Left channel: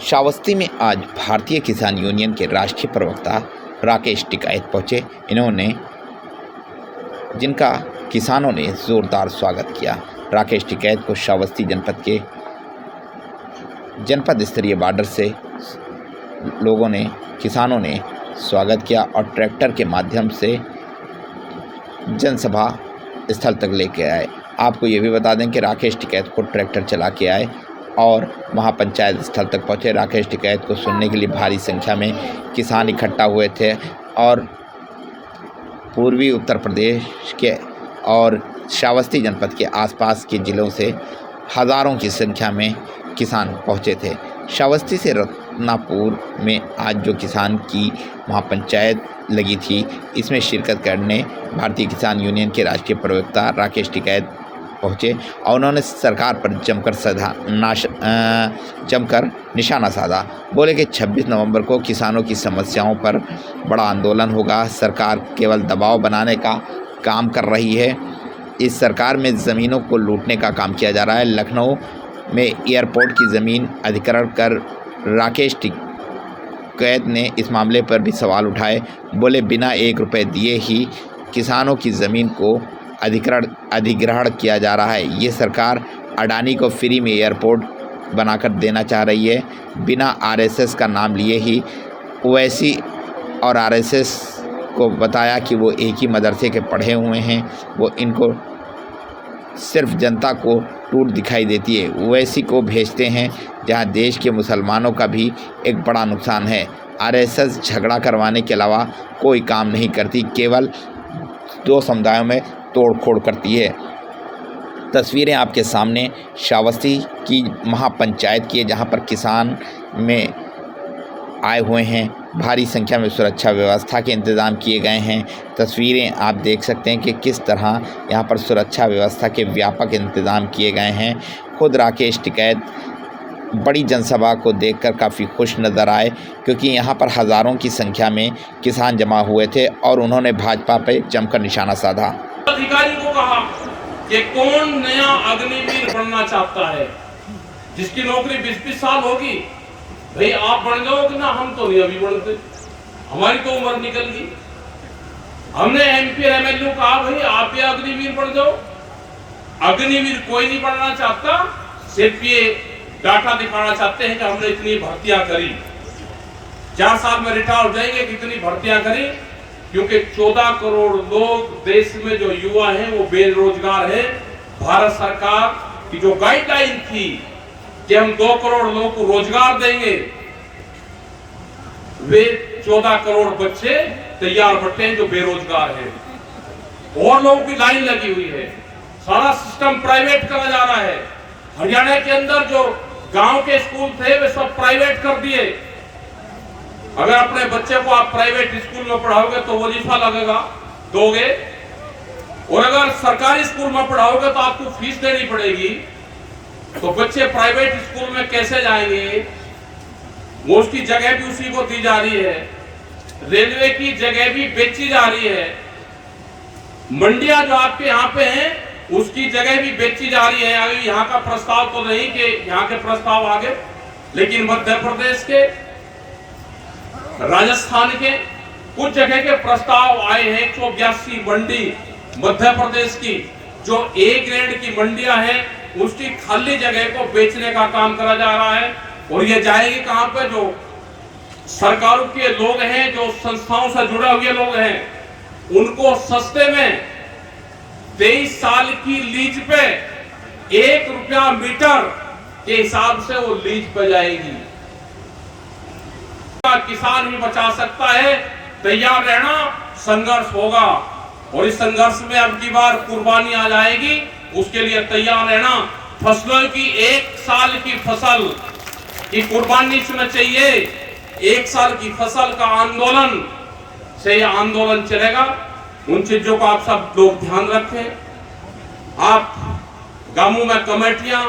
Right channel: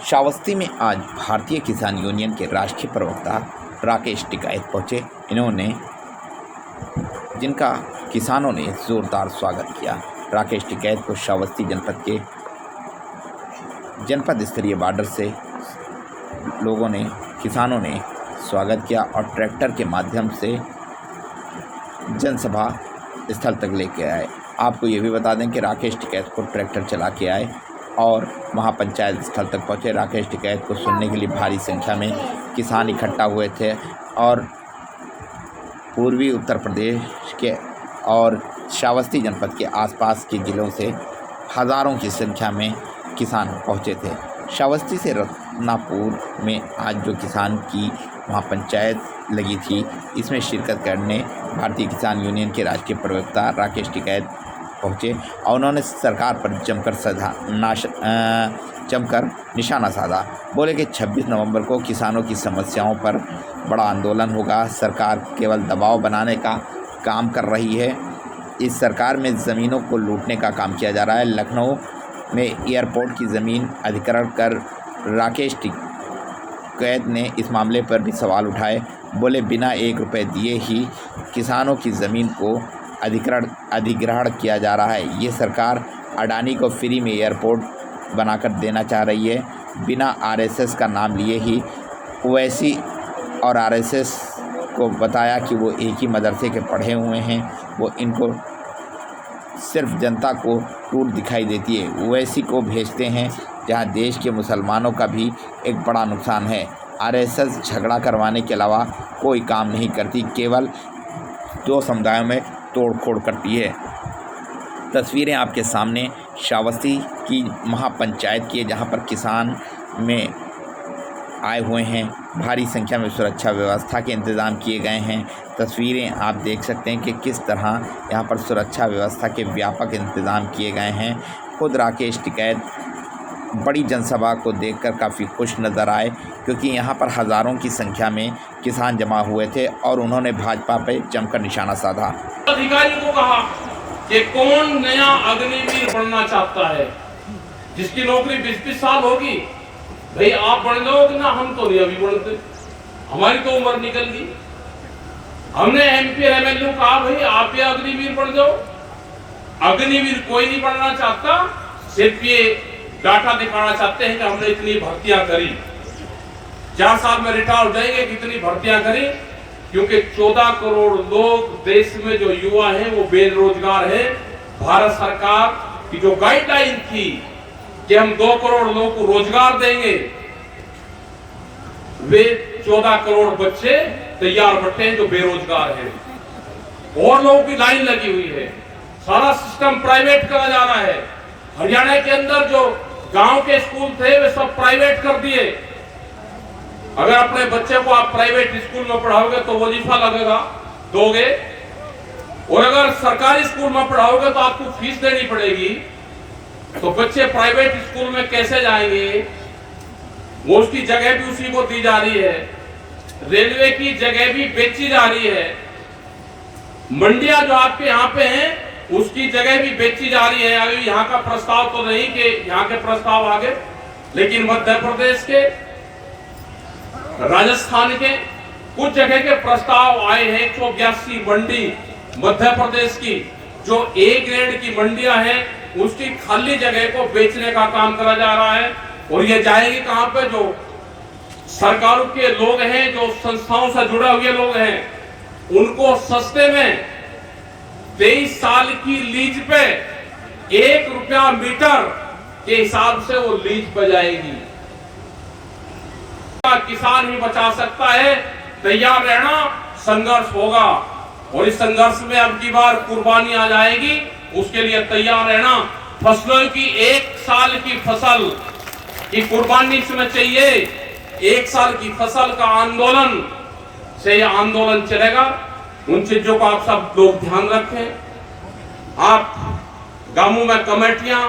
श्रावस्ती में आज भारतीय किसान यूनियन के राष्ट्रीय प्रवक्ता राकेश टिकैत पहुँचे। जिनका किसानों ने ज़ोरदार स्वागत किया। राकेश टिकैत को श्रावस्ती जनपद स्तरीय बॉर्डर से लोगों ने, किसानों ने स्वागत किया और ट्रैक्टर के माध्यम से जनसभा स्थल तक लेके आए। आपको ये भी बता दें कि राकेश टिकैत को ट्रैक्टर चला के आए और महापंचायत स्थल तक पहुँचे। राकेश टिकैत को सुनने के लिए भारी संख्या में किसान इकट्ठा हुए थे और पूर्वी उत्तर प्रदेश के और श्रावस्ती जनपद के आसपास के ज़िलों से हज़ारों की संख्या में किसान पहुँचे थे। श्रावस्ती से रत्नापुर में आज जो किसान की महापंचायत लगी थी, इसमें शिरकत करने भारतीय किसान यूनियन के राष्ट्रीय प्रवक्ता राकेश टिकैत पहुँचे और उन्होंने सरकार पर जमकर निशाना साधा। बोले कि 26 नवंबर को किसानों की समस्याओं पर बड़ा आंदोलन होगा। सरकार केवल दबाव बनाने का काम कर रही है। इस सरकार में ज़मीनों को लूटने का काम किया जा रहा है। लखनऊ में एयरपोर्ट की ज़मीन अधिग्रहण कर राकेश टिकैत ने इस मामले पर भी सवाल उठाए। बोले बिना 1 रुपये दिए ही किसानों की ज़मीन को अधिग्रहण किया जा रहा है। ये सरकार अडानी को फ्री में एयरपोर्ट बनाकर देना चाह रही है। बिना आरएसएस का नाम लिए ही ओवैसी और आरएसएस को बताया कि वो एक ही मदरसे के पढ़े हुए हैं। वो इनको सिर्फ जनता को टूट दिखाई देती है। ओवैसी को भेजते हैं जहां देश के मुसलमानों का भी एक बड़ा नुकसान है। आरएसएस झगड़ा करवाने के अलावा कोई काम नहीं करती, केवल 2 समुदायों में तोड़-फोड़ करती है। तस्वीरें आपके सामने श्रावस्ती की महापंचायत की है, जहां पर किसान में आए हुए हैं। भारी संख्या में सुरक्षा व्यवस्था के इंतज़ाम किए गए हैं। तस्वीरें आप देख सकते हैं कि किस तरह यहां पर सुरक्षा व्यवस्था के व्यापक इंतज़ाम किए गए हैं। खुद राकेश टिकैत बड़ी जनसभा को देखकर काफ़ी खुश नज़र आए, क्योंकि यहां पर हज़ारों की संख्या में किसान जमा हुए थे और उन्होंने भाजपा पर जमकर निशाना साधा। अधिकारी को कहा कि कौन नया अग्निवीर बनना चाहता है, जिसकी नौकरी 20-20 साल होगी। भाई आप बन जाओगे ना, हम तो नहीं अभी बनते, हमारी तो उम्र निकल गई। हमने एमपी एमएलए कहा भाई आप ये अग्निवीर बन जाओ। अग्निवीर कोई नहीं बनना चाहता, सिर्फ ये डाटा दिखाना चाहते हैं कि हमने इतनी भर्तियां करी, 4 साल में रिटायर हो जाएंगे, कितनी भर्तियां करी। क्योंकि 14 करोड़ लोग देश में जो युवा हैं वो बेरोजगार है। भारत सरकार की जो गाइडलाइन थी कि हम 2 करोड़ लोगों को रोजगार देंगे, वे 14 करोड़ बच्चे तैयार बैठे हैं जो बेरोजगार है और लोगों की लाइन लगी हुई है। सारा सिस्टम प्राइवेट करा जा रहा है। हरियाणा के अंदर जो गांव के स्कूल थे वे सब प्राइवेट कर दिए। अगर अपने बच्चे को आप प्राइवेट स्कूल में पढ़ाओगे तो वजीफा लगेगा, दोगे, और अगर सरकारी स्कूल में पढ़ाओगे तो आपको फीस देनी पड़ेगी। तो बच्चे प्राइवेट स्कूल में कैसे जाएंगे? वो उसकी जगह भी उसी को दी जा रही है। रेलवे की जगह भी बेची जा रही है। मंडियां जो आपके यहाँ पे हैं उसकी जगह भी बेची जा रही है। अभी यहाँ का प्रस्ताव तो नहीं कि यहाँ के प्रस्ताव आगे, लेकिन मध्य प्रदेश के, राजस्थान के कुछ जगह के प्रस्ताव आए हैं। 182 मंडी मध्य प्रदेश की जो A ग्रेड की मंडियां हैं उसकी खाली जगह को बेचने का काम करा जा रहा है। और ये जाएगी कहां पे? जो सरकारों के लोग हैं, जो संस्थाओं से जुड़े हुए लोग हैं, उनको सस्ते में 23 साल की लीज पे 1 रुपया मीटर के हिसाब से वो लीज पे जाएगी। किसान भी बचा सकता है, तैयार रहना, संघर्ष होगा और इस संघर्ष में अब की बार कुर्बानी आ जाएगी, उसके लिए तैयार रहना। फसलों की 1 साल की फसल की कुर्बानी इसमें चाहिए। 1 साल की फसल का आंदोलन से यह आंदोलन चलेगा। उन चीजों को आप सब लोग ध्यान रखें। आप गांवों में कमेटियां,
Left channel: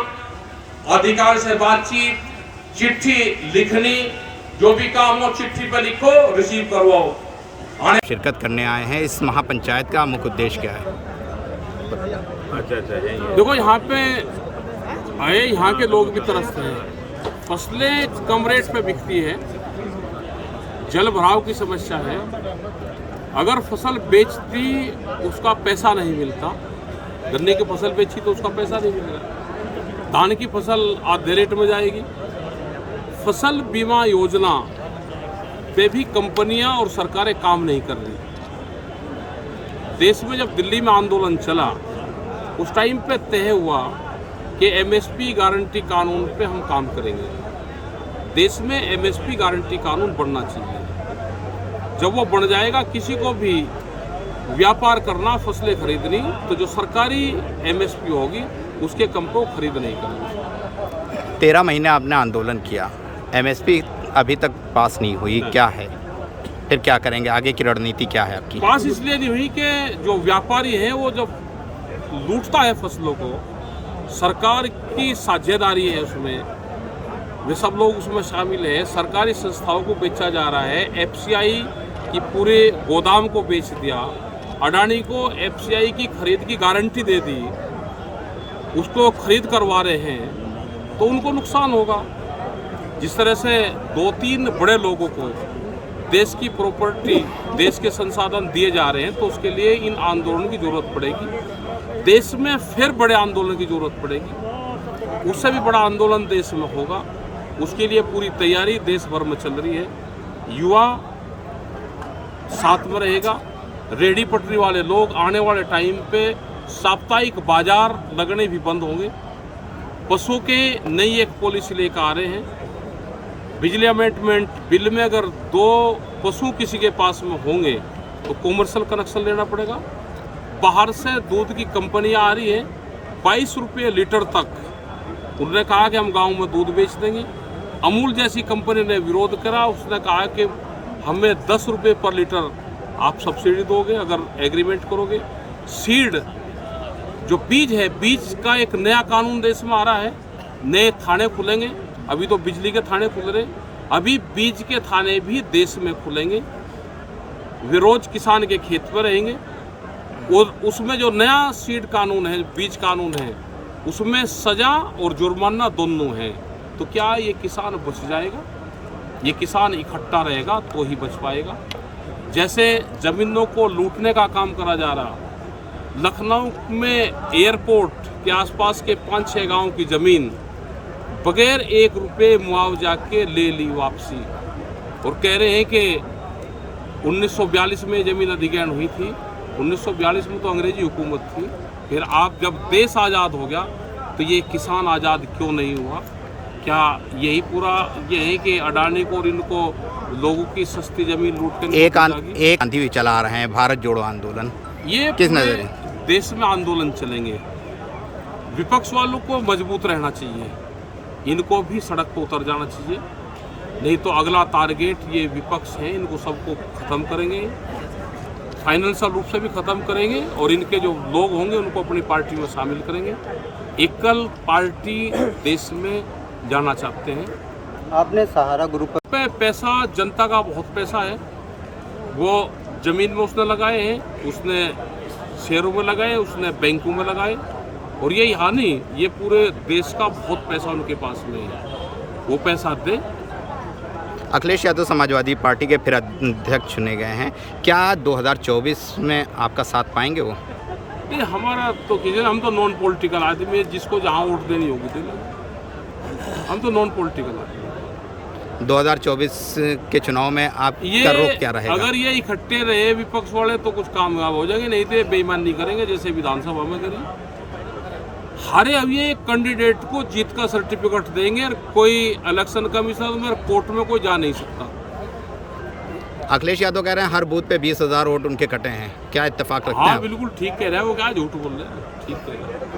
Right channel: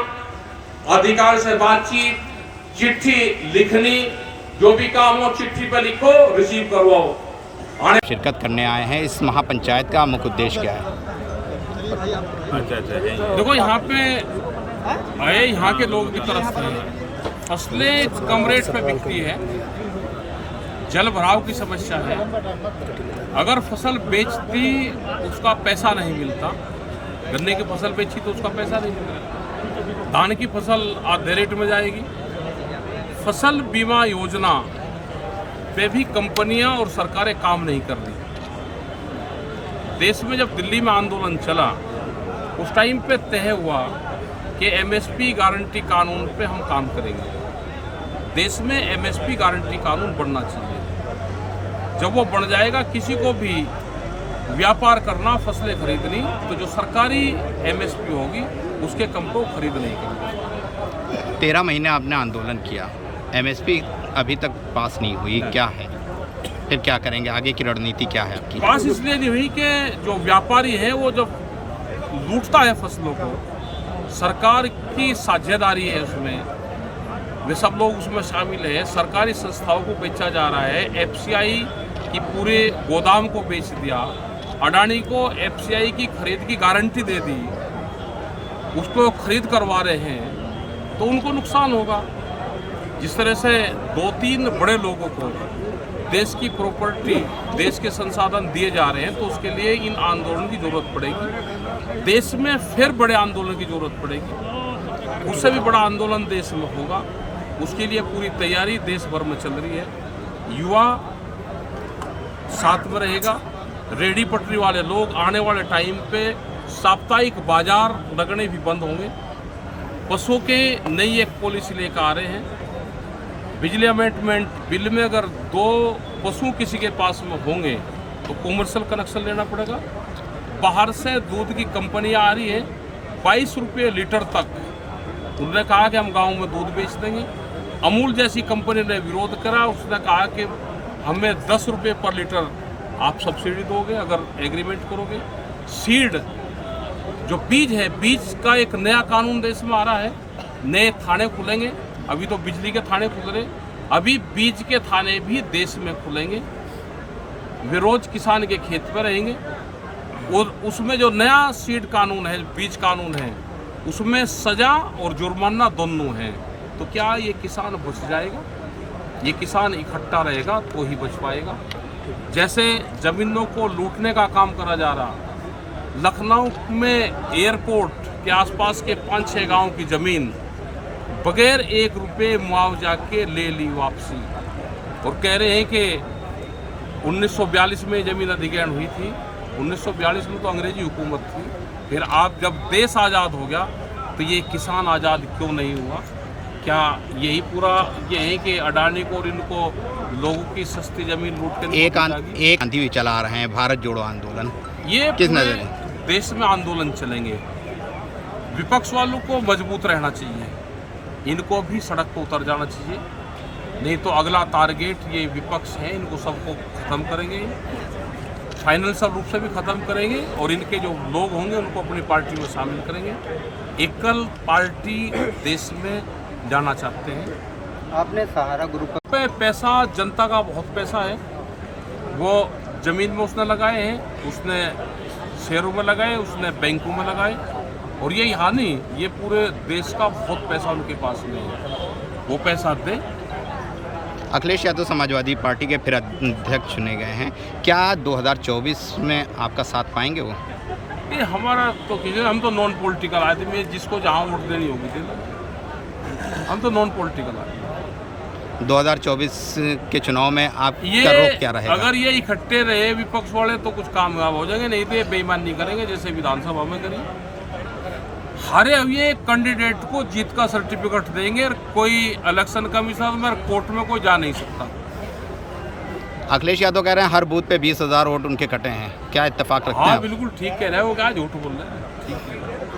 अधिकारी से बातचीत, चिट्ठी लिखनी, जो भी काम हो चिट्ठी पे लिखो, रिसीव करवाओ। शिरकत करने आए हैं, इस महापंचायत का मुख्य उद्देश्य क्या है? देखो यहाँ पे आए, यहाँ के लोग भी तरसते हैं। फसलें कम रेट पे बिकती है, जल भराव की समस्या है। अगर फसल बेचती उसका पैसा नहीं मिलता, गन्ने की फसल बेची तो उसका पैसा नहीं मिल रहा, धान की फसल आधे रेट में जाएगी। फसल बीमा योजना पे भी कंपनियां और सरकारें काम नहीं कर रही। देश में जब दिल्ली में आंदोलन चला उस टाइम पे तय हुआ कि एमएसपी गारंटी कानून पे हम काम करेंगे। देश में एमएसपी गारंटी कानून बनना चाहिए। जब वो बन जाएगा, किसी को भी व्यापार करना, फसलें खरीदनी, तो जो सरकारी एमएसपी होगी उसके कम पे वो खरीद नहीं करेंगे। 13 महीने आपने आंदोलन किया, एमएसपी अभी तक पास नहीं हुई, क्या है फिर क्या करेंगे, आगे की रणनीति क्या है आपकी? पास इसलिए नहीं हुई कि जो व्यापारी हैं वो जब लूटता है फसलों को, सरकार की साझेदारी है उसमें, वे सब लोग उसमें शामिल हैं। सरकारी संस्थाओं को बेचा जा रहा है, एफसीआई की पूरे गोदाम को बेच दिया, अडानी को एफसीआई की खरीद की गारंटी दे दी, उसको खरीद करवा रहे हैं, तो उनको नुकसान होगा। जिस तरह से 2-3 बड़े लोगों को देश की प्रॉपर्टी, देश के संसाधन दिए जा रहे हैं, तो उसके लिए इन आंदोलन की जरूरत पड़ेगी। देश में फिर बड़े आंदोलन की जरूरत पड़ेगी, उससे भी बड़ा आंदोलन देश में होगा। उसके लिए पूरी तैयारी देश भर में चल रही है। युवा साथ में रहेगा, रेडी पटरी वाले लोग आने वाले टाइम पे साप्ताहिक बाजार लगने भी बंद होंगे। पशुओं की नई एक पॉलिसी लेकर आ रहे हैं। बिजली अमेंडमेंट बिल में अगर 2 पशु किसी के पास में होंगे तो कॉमर्शियल कनेक्शन लेना पड़ेगा। बाहर से दूध की कंपनियां आ रही है, 22 रुपये लीटर तक। उन्होंने कहा कि हम गांव में दूध बेच देंगे। अमूल जैसी कंपनी ने विरोध करा, उसने कहा कि हमें 10 रुपये पर लीटर आप सब्सिडी दोगे अगर एग्रीमेंट करोगे। सीड जो बीज है, बीज का एक नया कानून देश में आ रहा है। नए थाने खुलेंगे, अभी तो बिजली के थाने खुल रहे, अभी बीज के थाने भी देश में खुलेंगे। वे रोज किसान के खेत पर रहेंगे और उसमें जो नया सीड कानून है, बीज कानून है, उसमें सजा और जुर्माना दोनों हैं। तो क्या ये किसान बच जाएगा? ये किसान इकट्ठा रहेगा तो ही बच पाएगा। जैसे जमीनों को लूटने का काम करा जा रहा, लखनऊ में एयरपोर्ट के आसपास के 5-6 गांव की ज़मीन बगैर 1 रुपये मुआवजा के ले ली वापसी, और कह रहे हैं कि 1942 में ज़मीन अधिग्रहण हुई थी। 1942 में तो अंग्रेजी हुकूमत थी, फिर आप जब देश आज़ाद हो गया तो ये किसान आज़ाद क्यों नहीं हुआ? क्या यही पूरा ये है कि अडानी को और इनको लोगों की सस्ती ज़मीन लूट के एक आंधी भी चला रहे हैं, भारत जोड़ो आंदोलन, ये किस पूरे नज़र देश में आंदोलन चलेंगे। विपक्ष वालों को मजबूत रहना चाहिए, इनको भी सड़क पर उतर जाना चाहिए, नहीं तो अगला टारगेट ये विपक्ष है, इनको सबको ख़त्म करेंगे, फाइनेंशियल रूप से भी ख़त्म करेंगे, और इनके जो लोग होंगे उनको अपनी पार्टी में शामिल करेंगे। एकल पार्टी देश में जाना चाहते हैं। आपने सहारा ग्रुप पे पैसा, जनता का बहुत पैसा है, वो ज़मीन में उसने लगाए हैं, उसने शेयरों में लगाए, उसने बैंकों में लगाए, और ये यहाँ नहीं, ये पूरे देश का बहुत पैसा उनके पास में है, वो पैसा दे। अखिलेश यादव समाजवादी पार्टी के फिर अध्यक्ष चुने गए हैं, क्या 2024 में आपका साथ पाएंगे वो? ये हमारा तो किसी, हम तो नॉन पॉलिटिकल आदमी है, जिसको जहाँ वोट देनी होगी दे लगे, हम तो नॉन पॉलिटिकल आदमी। 2024 के चुनाव में आपका रुख क्या रहेगा? अगर ये इकट्ठे रहे विपक्ष वाले तो कुछ कामयाब हो जाएंगे, नहीं तो ये बेईमानी करेंगे जैसे विधानसभा में करिए। हारे हुए कैंडिडेट को जीत का सर्टिफिकेट देंगे, कोई इलेक्शन कमीशन में कोर्ट में कोई जा नहीं सकता। अखिलेश यादव कह रहे हैं हर बूथ पे 20,000 वोट उनके कटे हैं, क्या इत्तेफाक रखते हैं हाँ आप? बिल्कुल ठीक कह रहे हैं, वो क्या झूठ बोल रहे हैं, ठीक कह रहे हैं।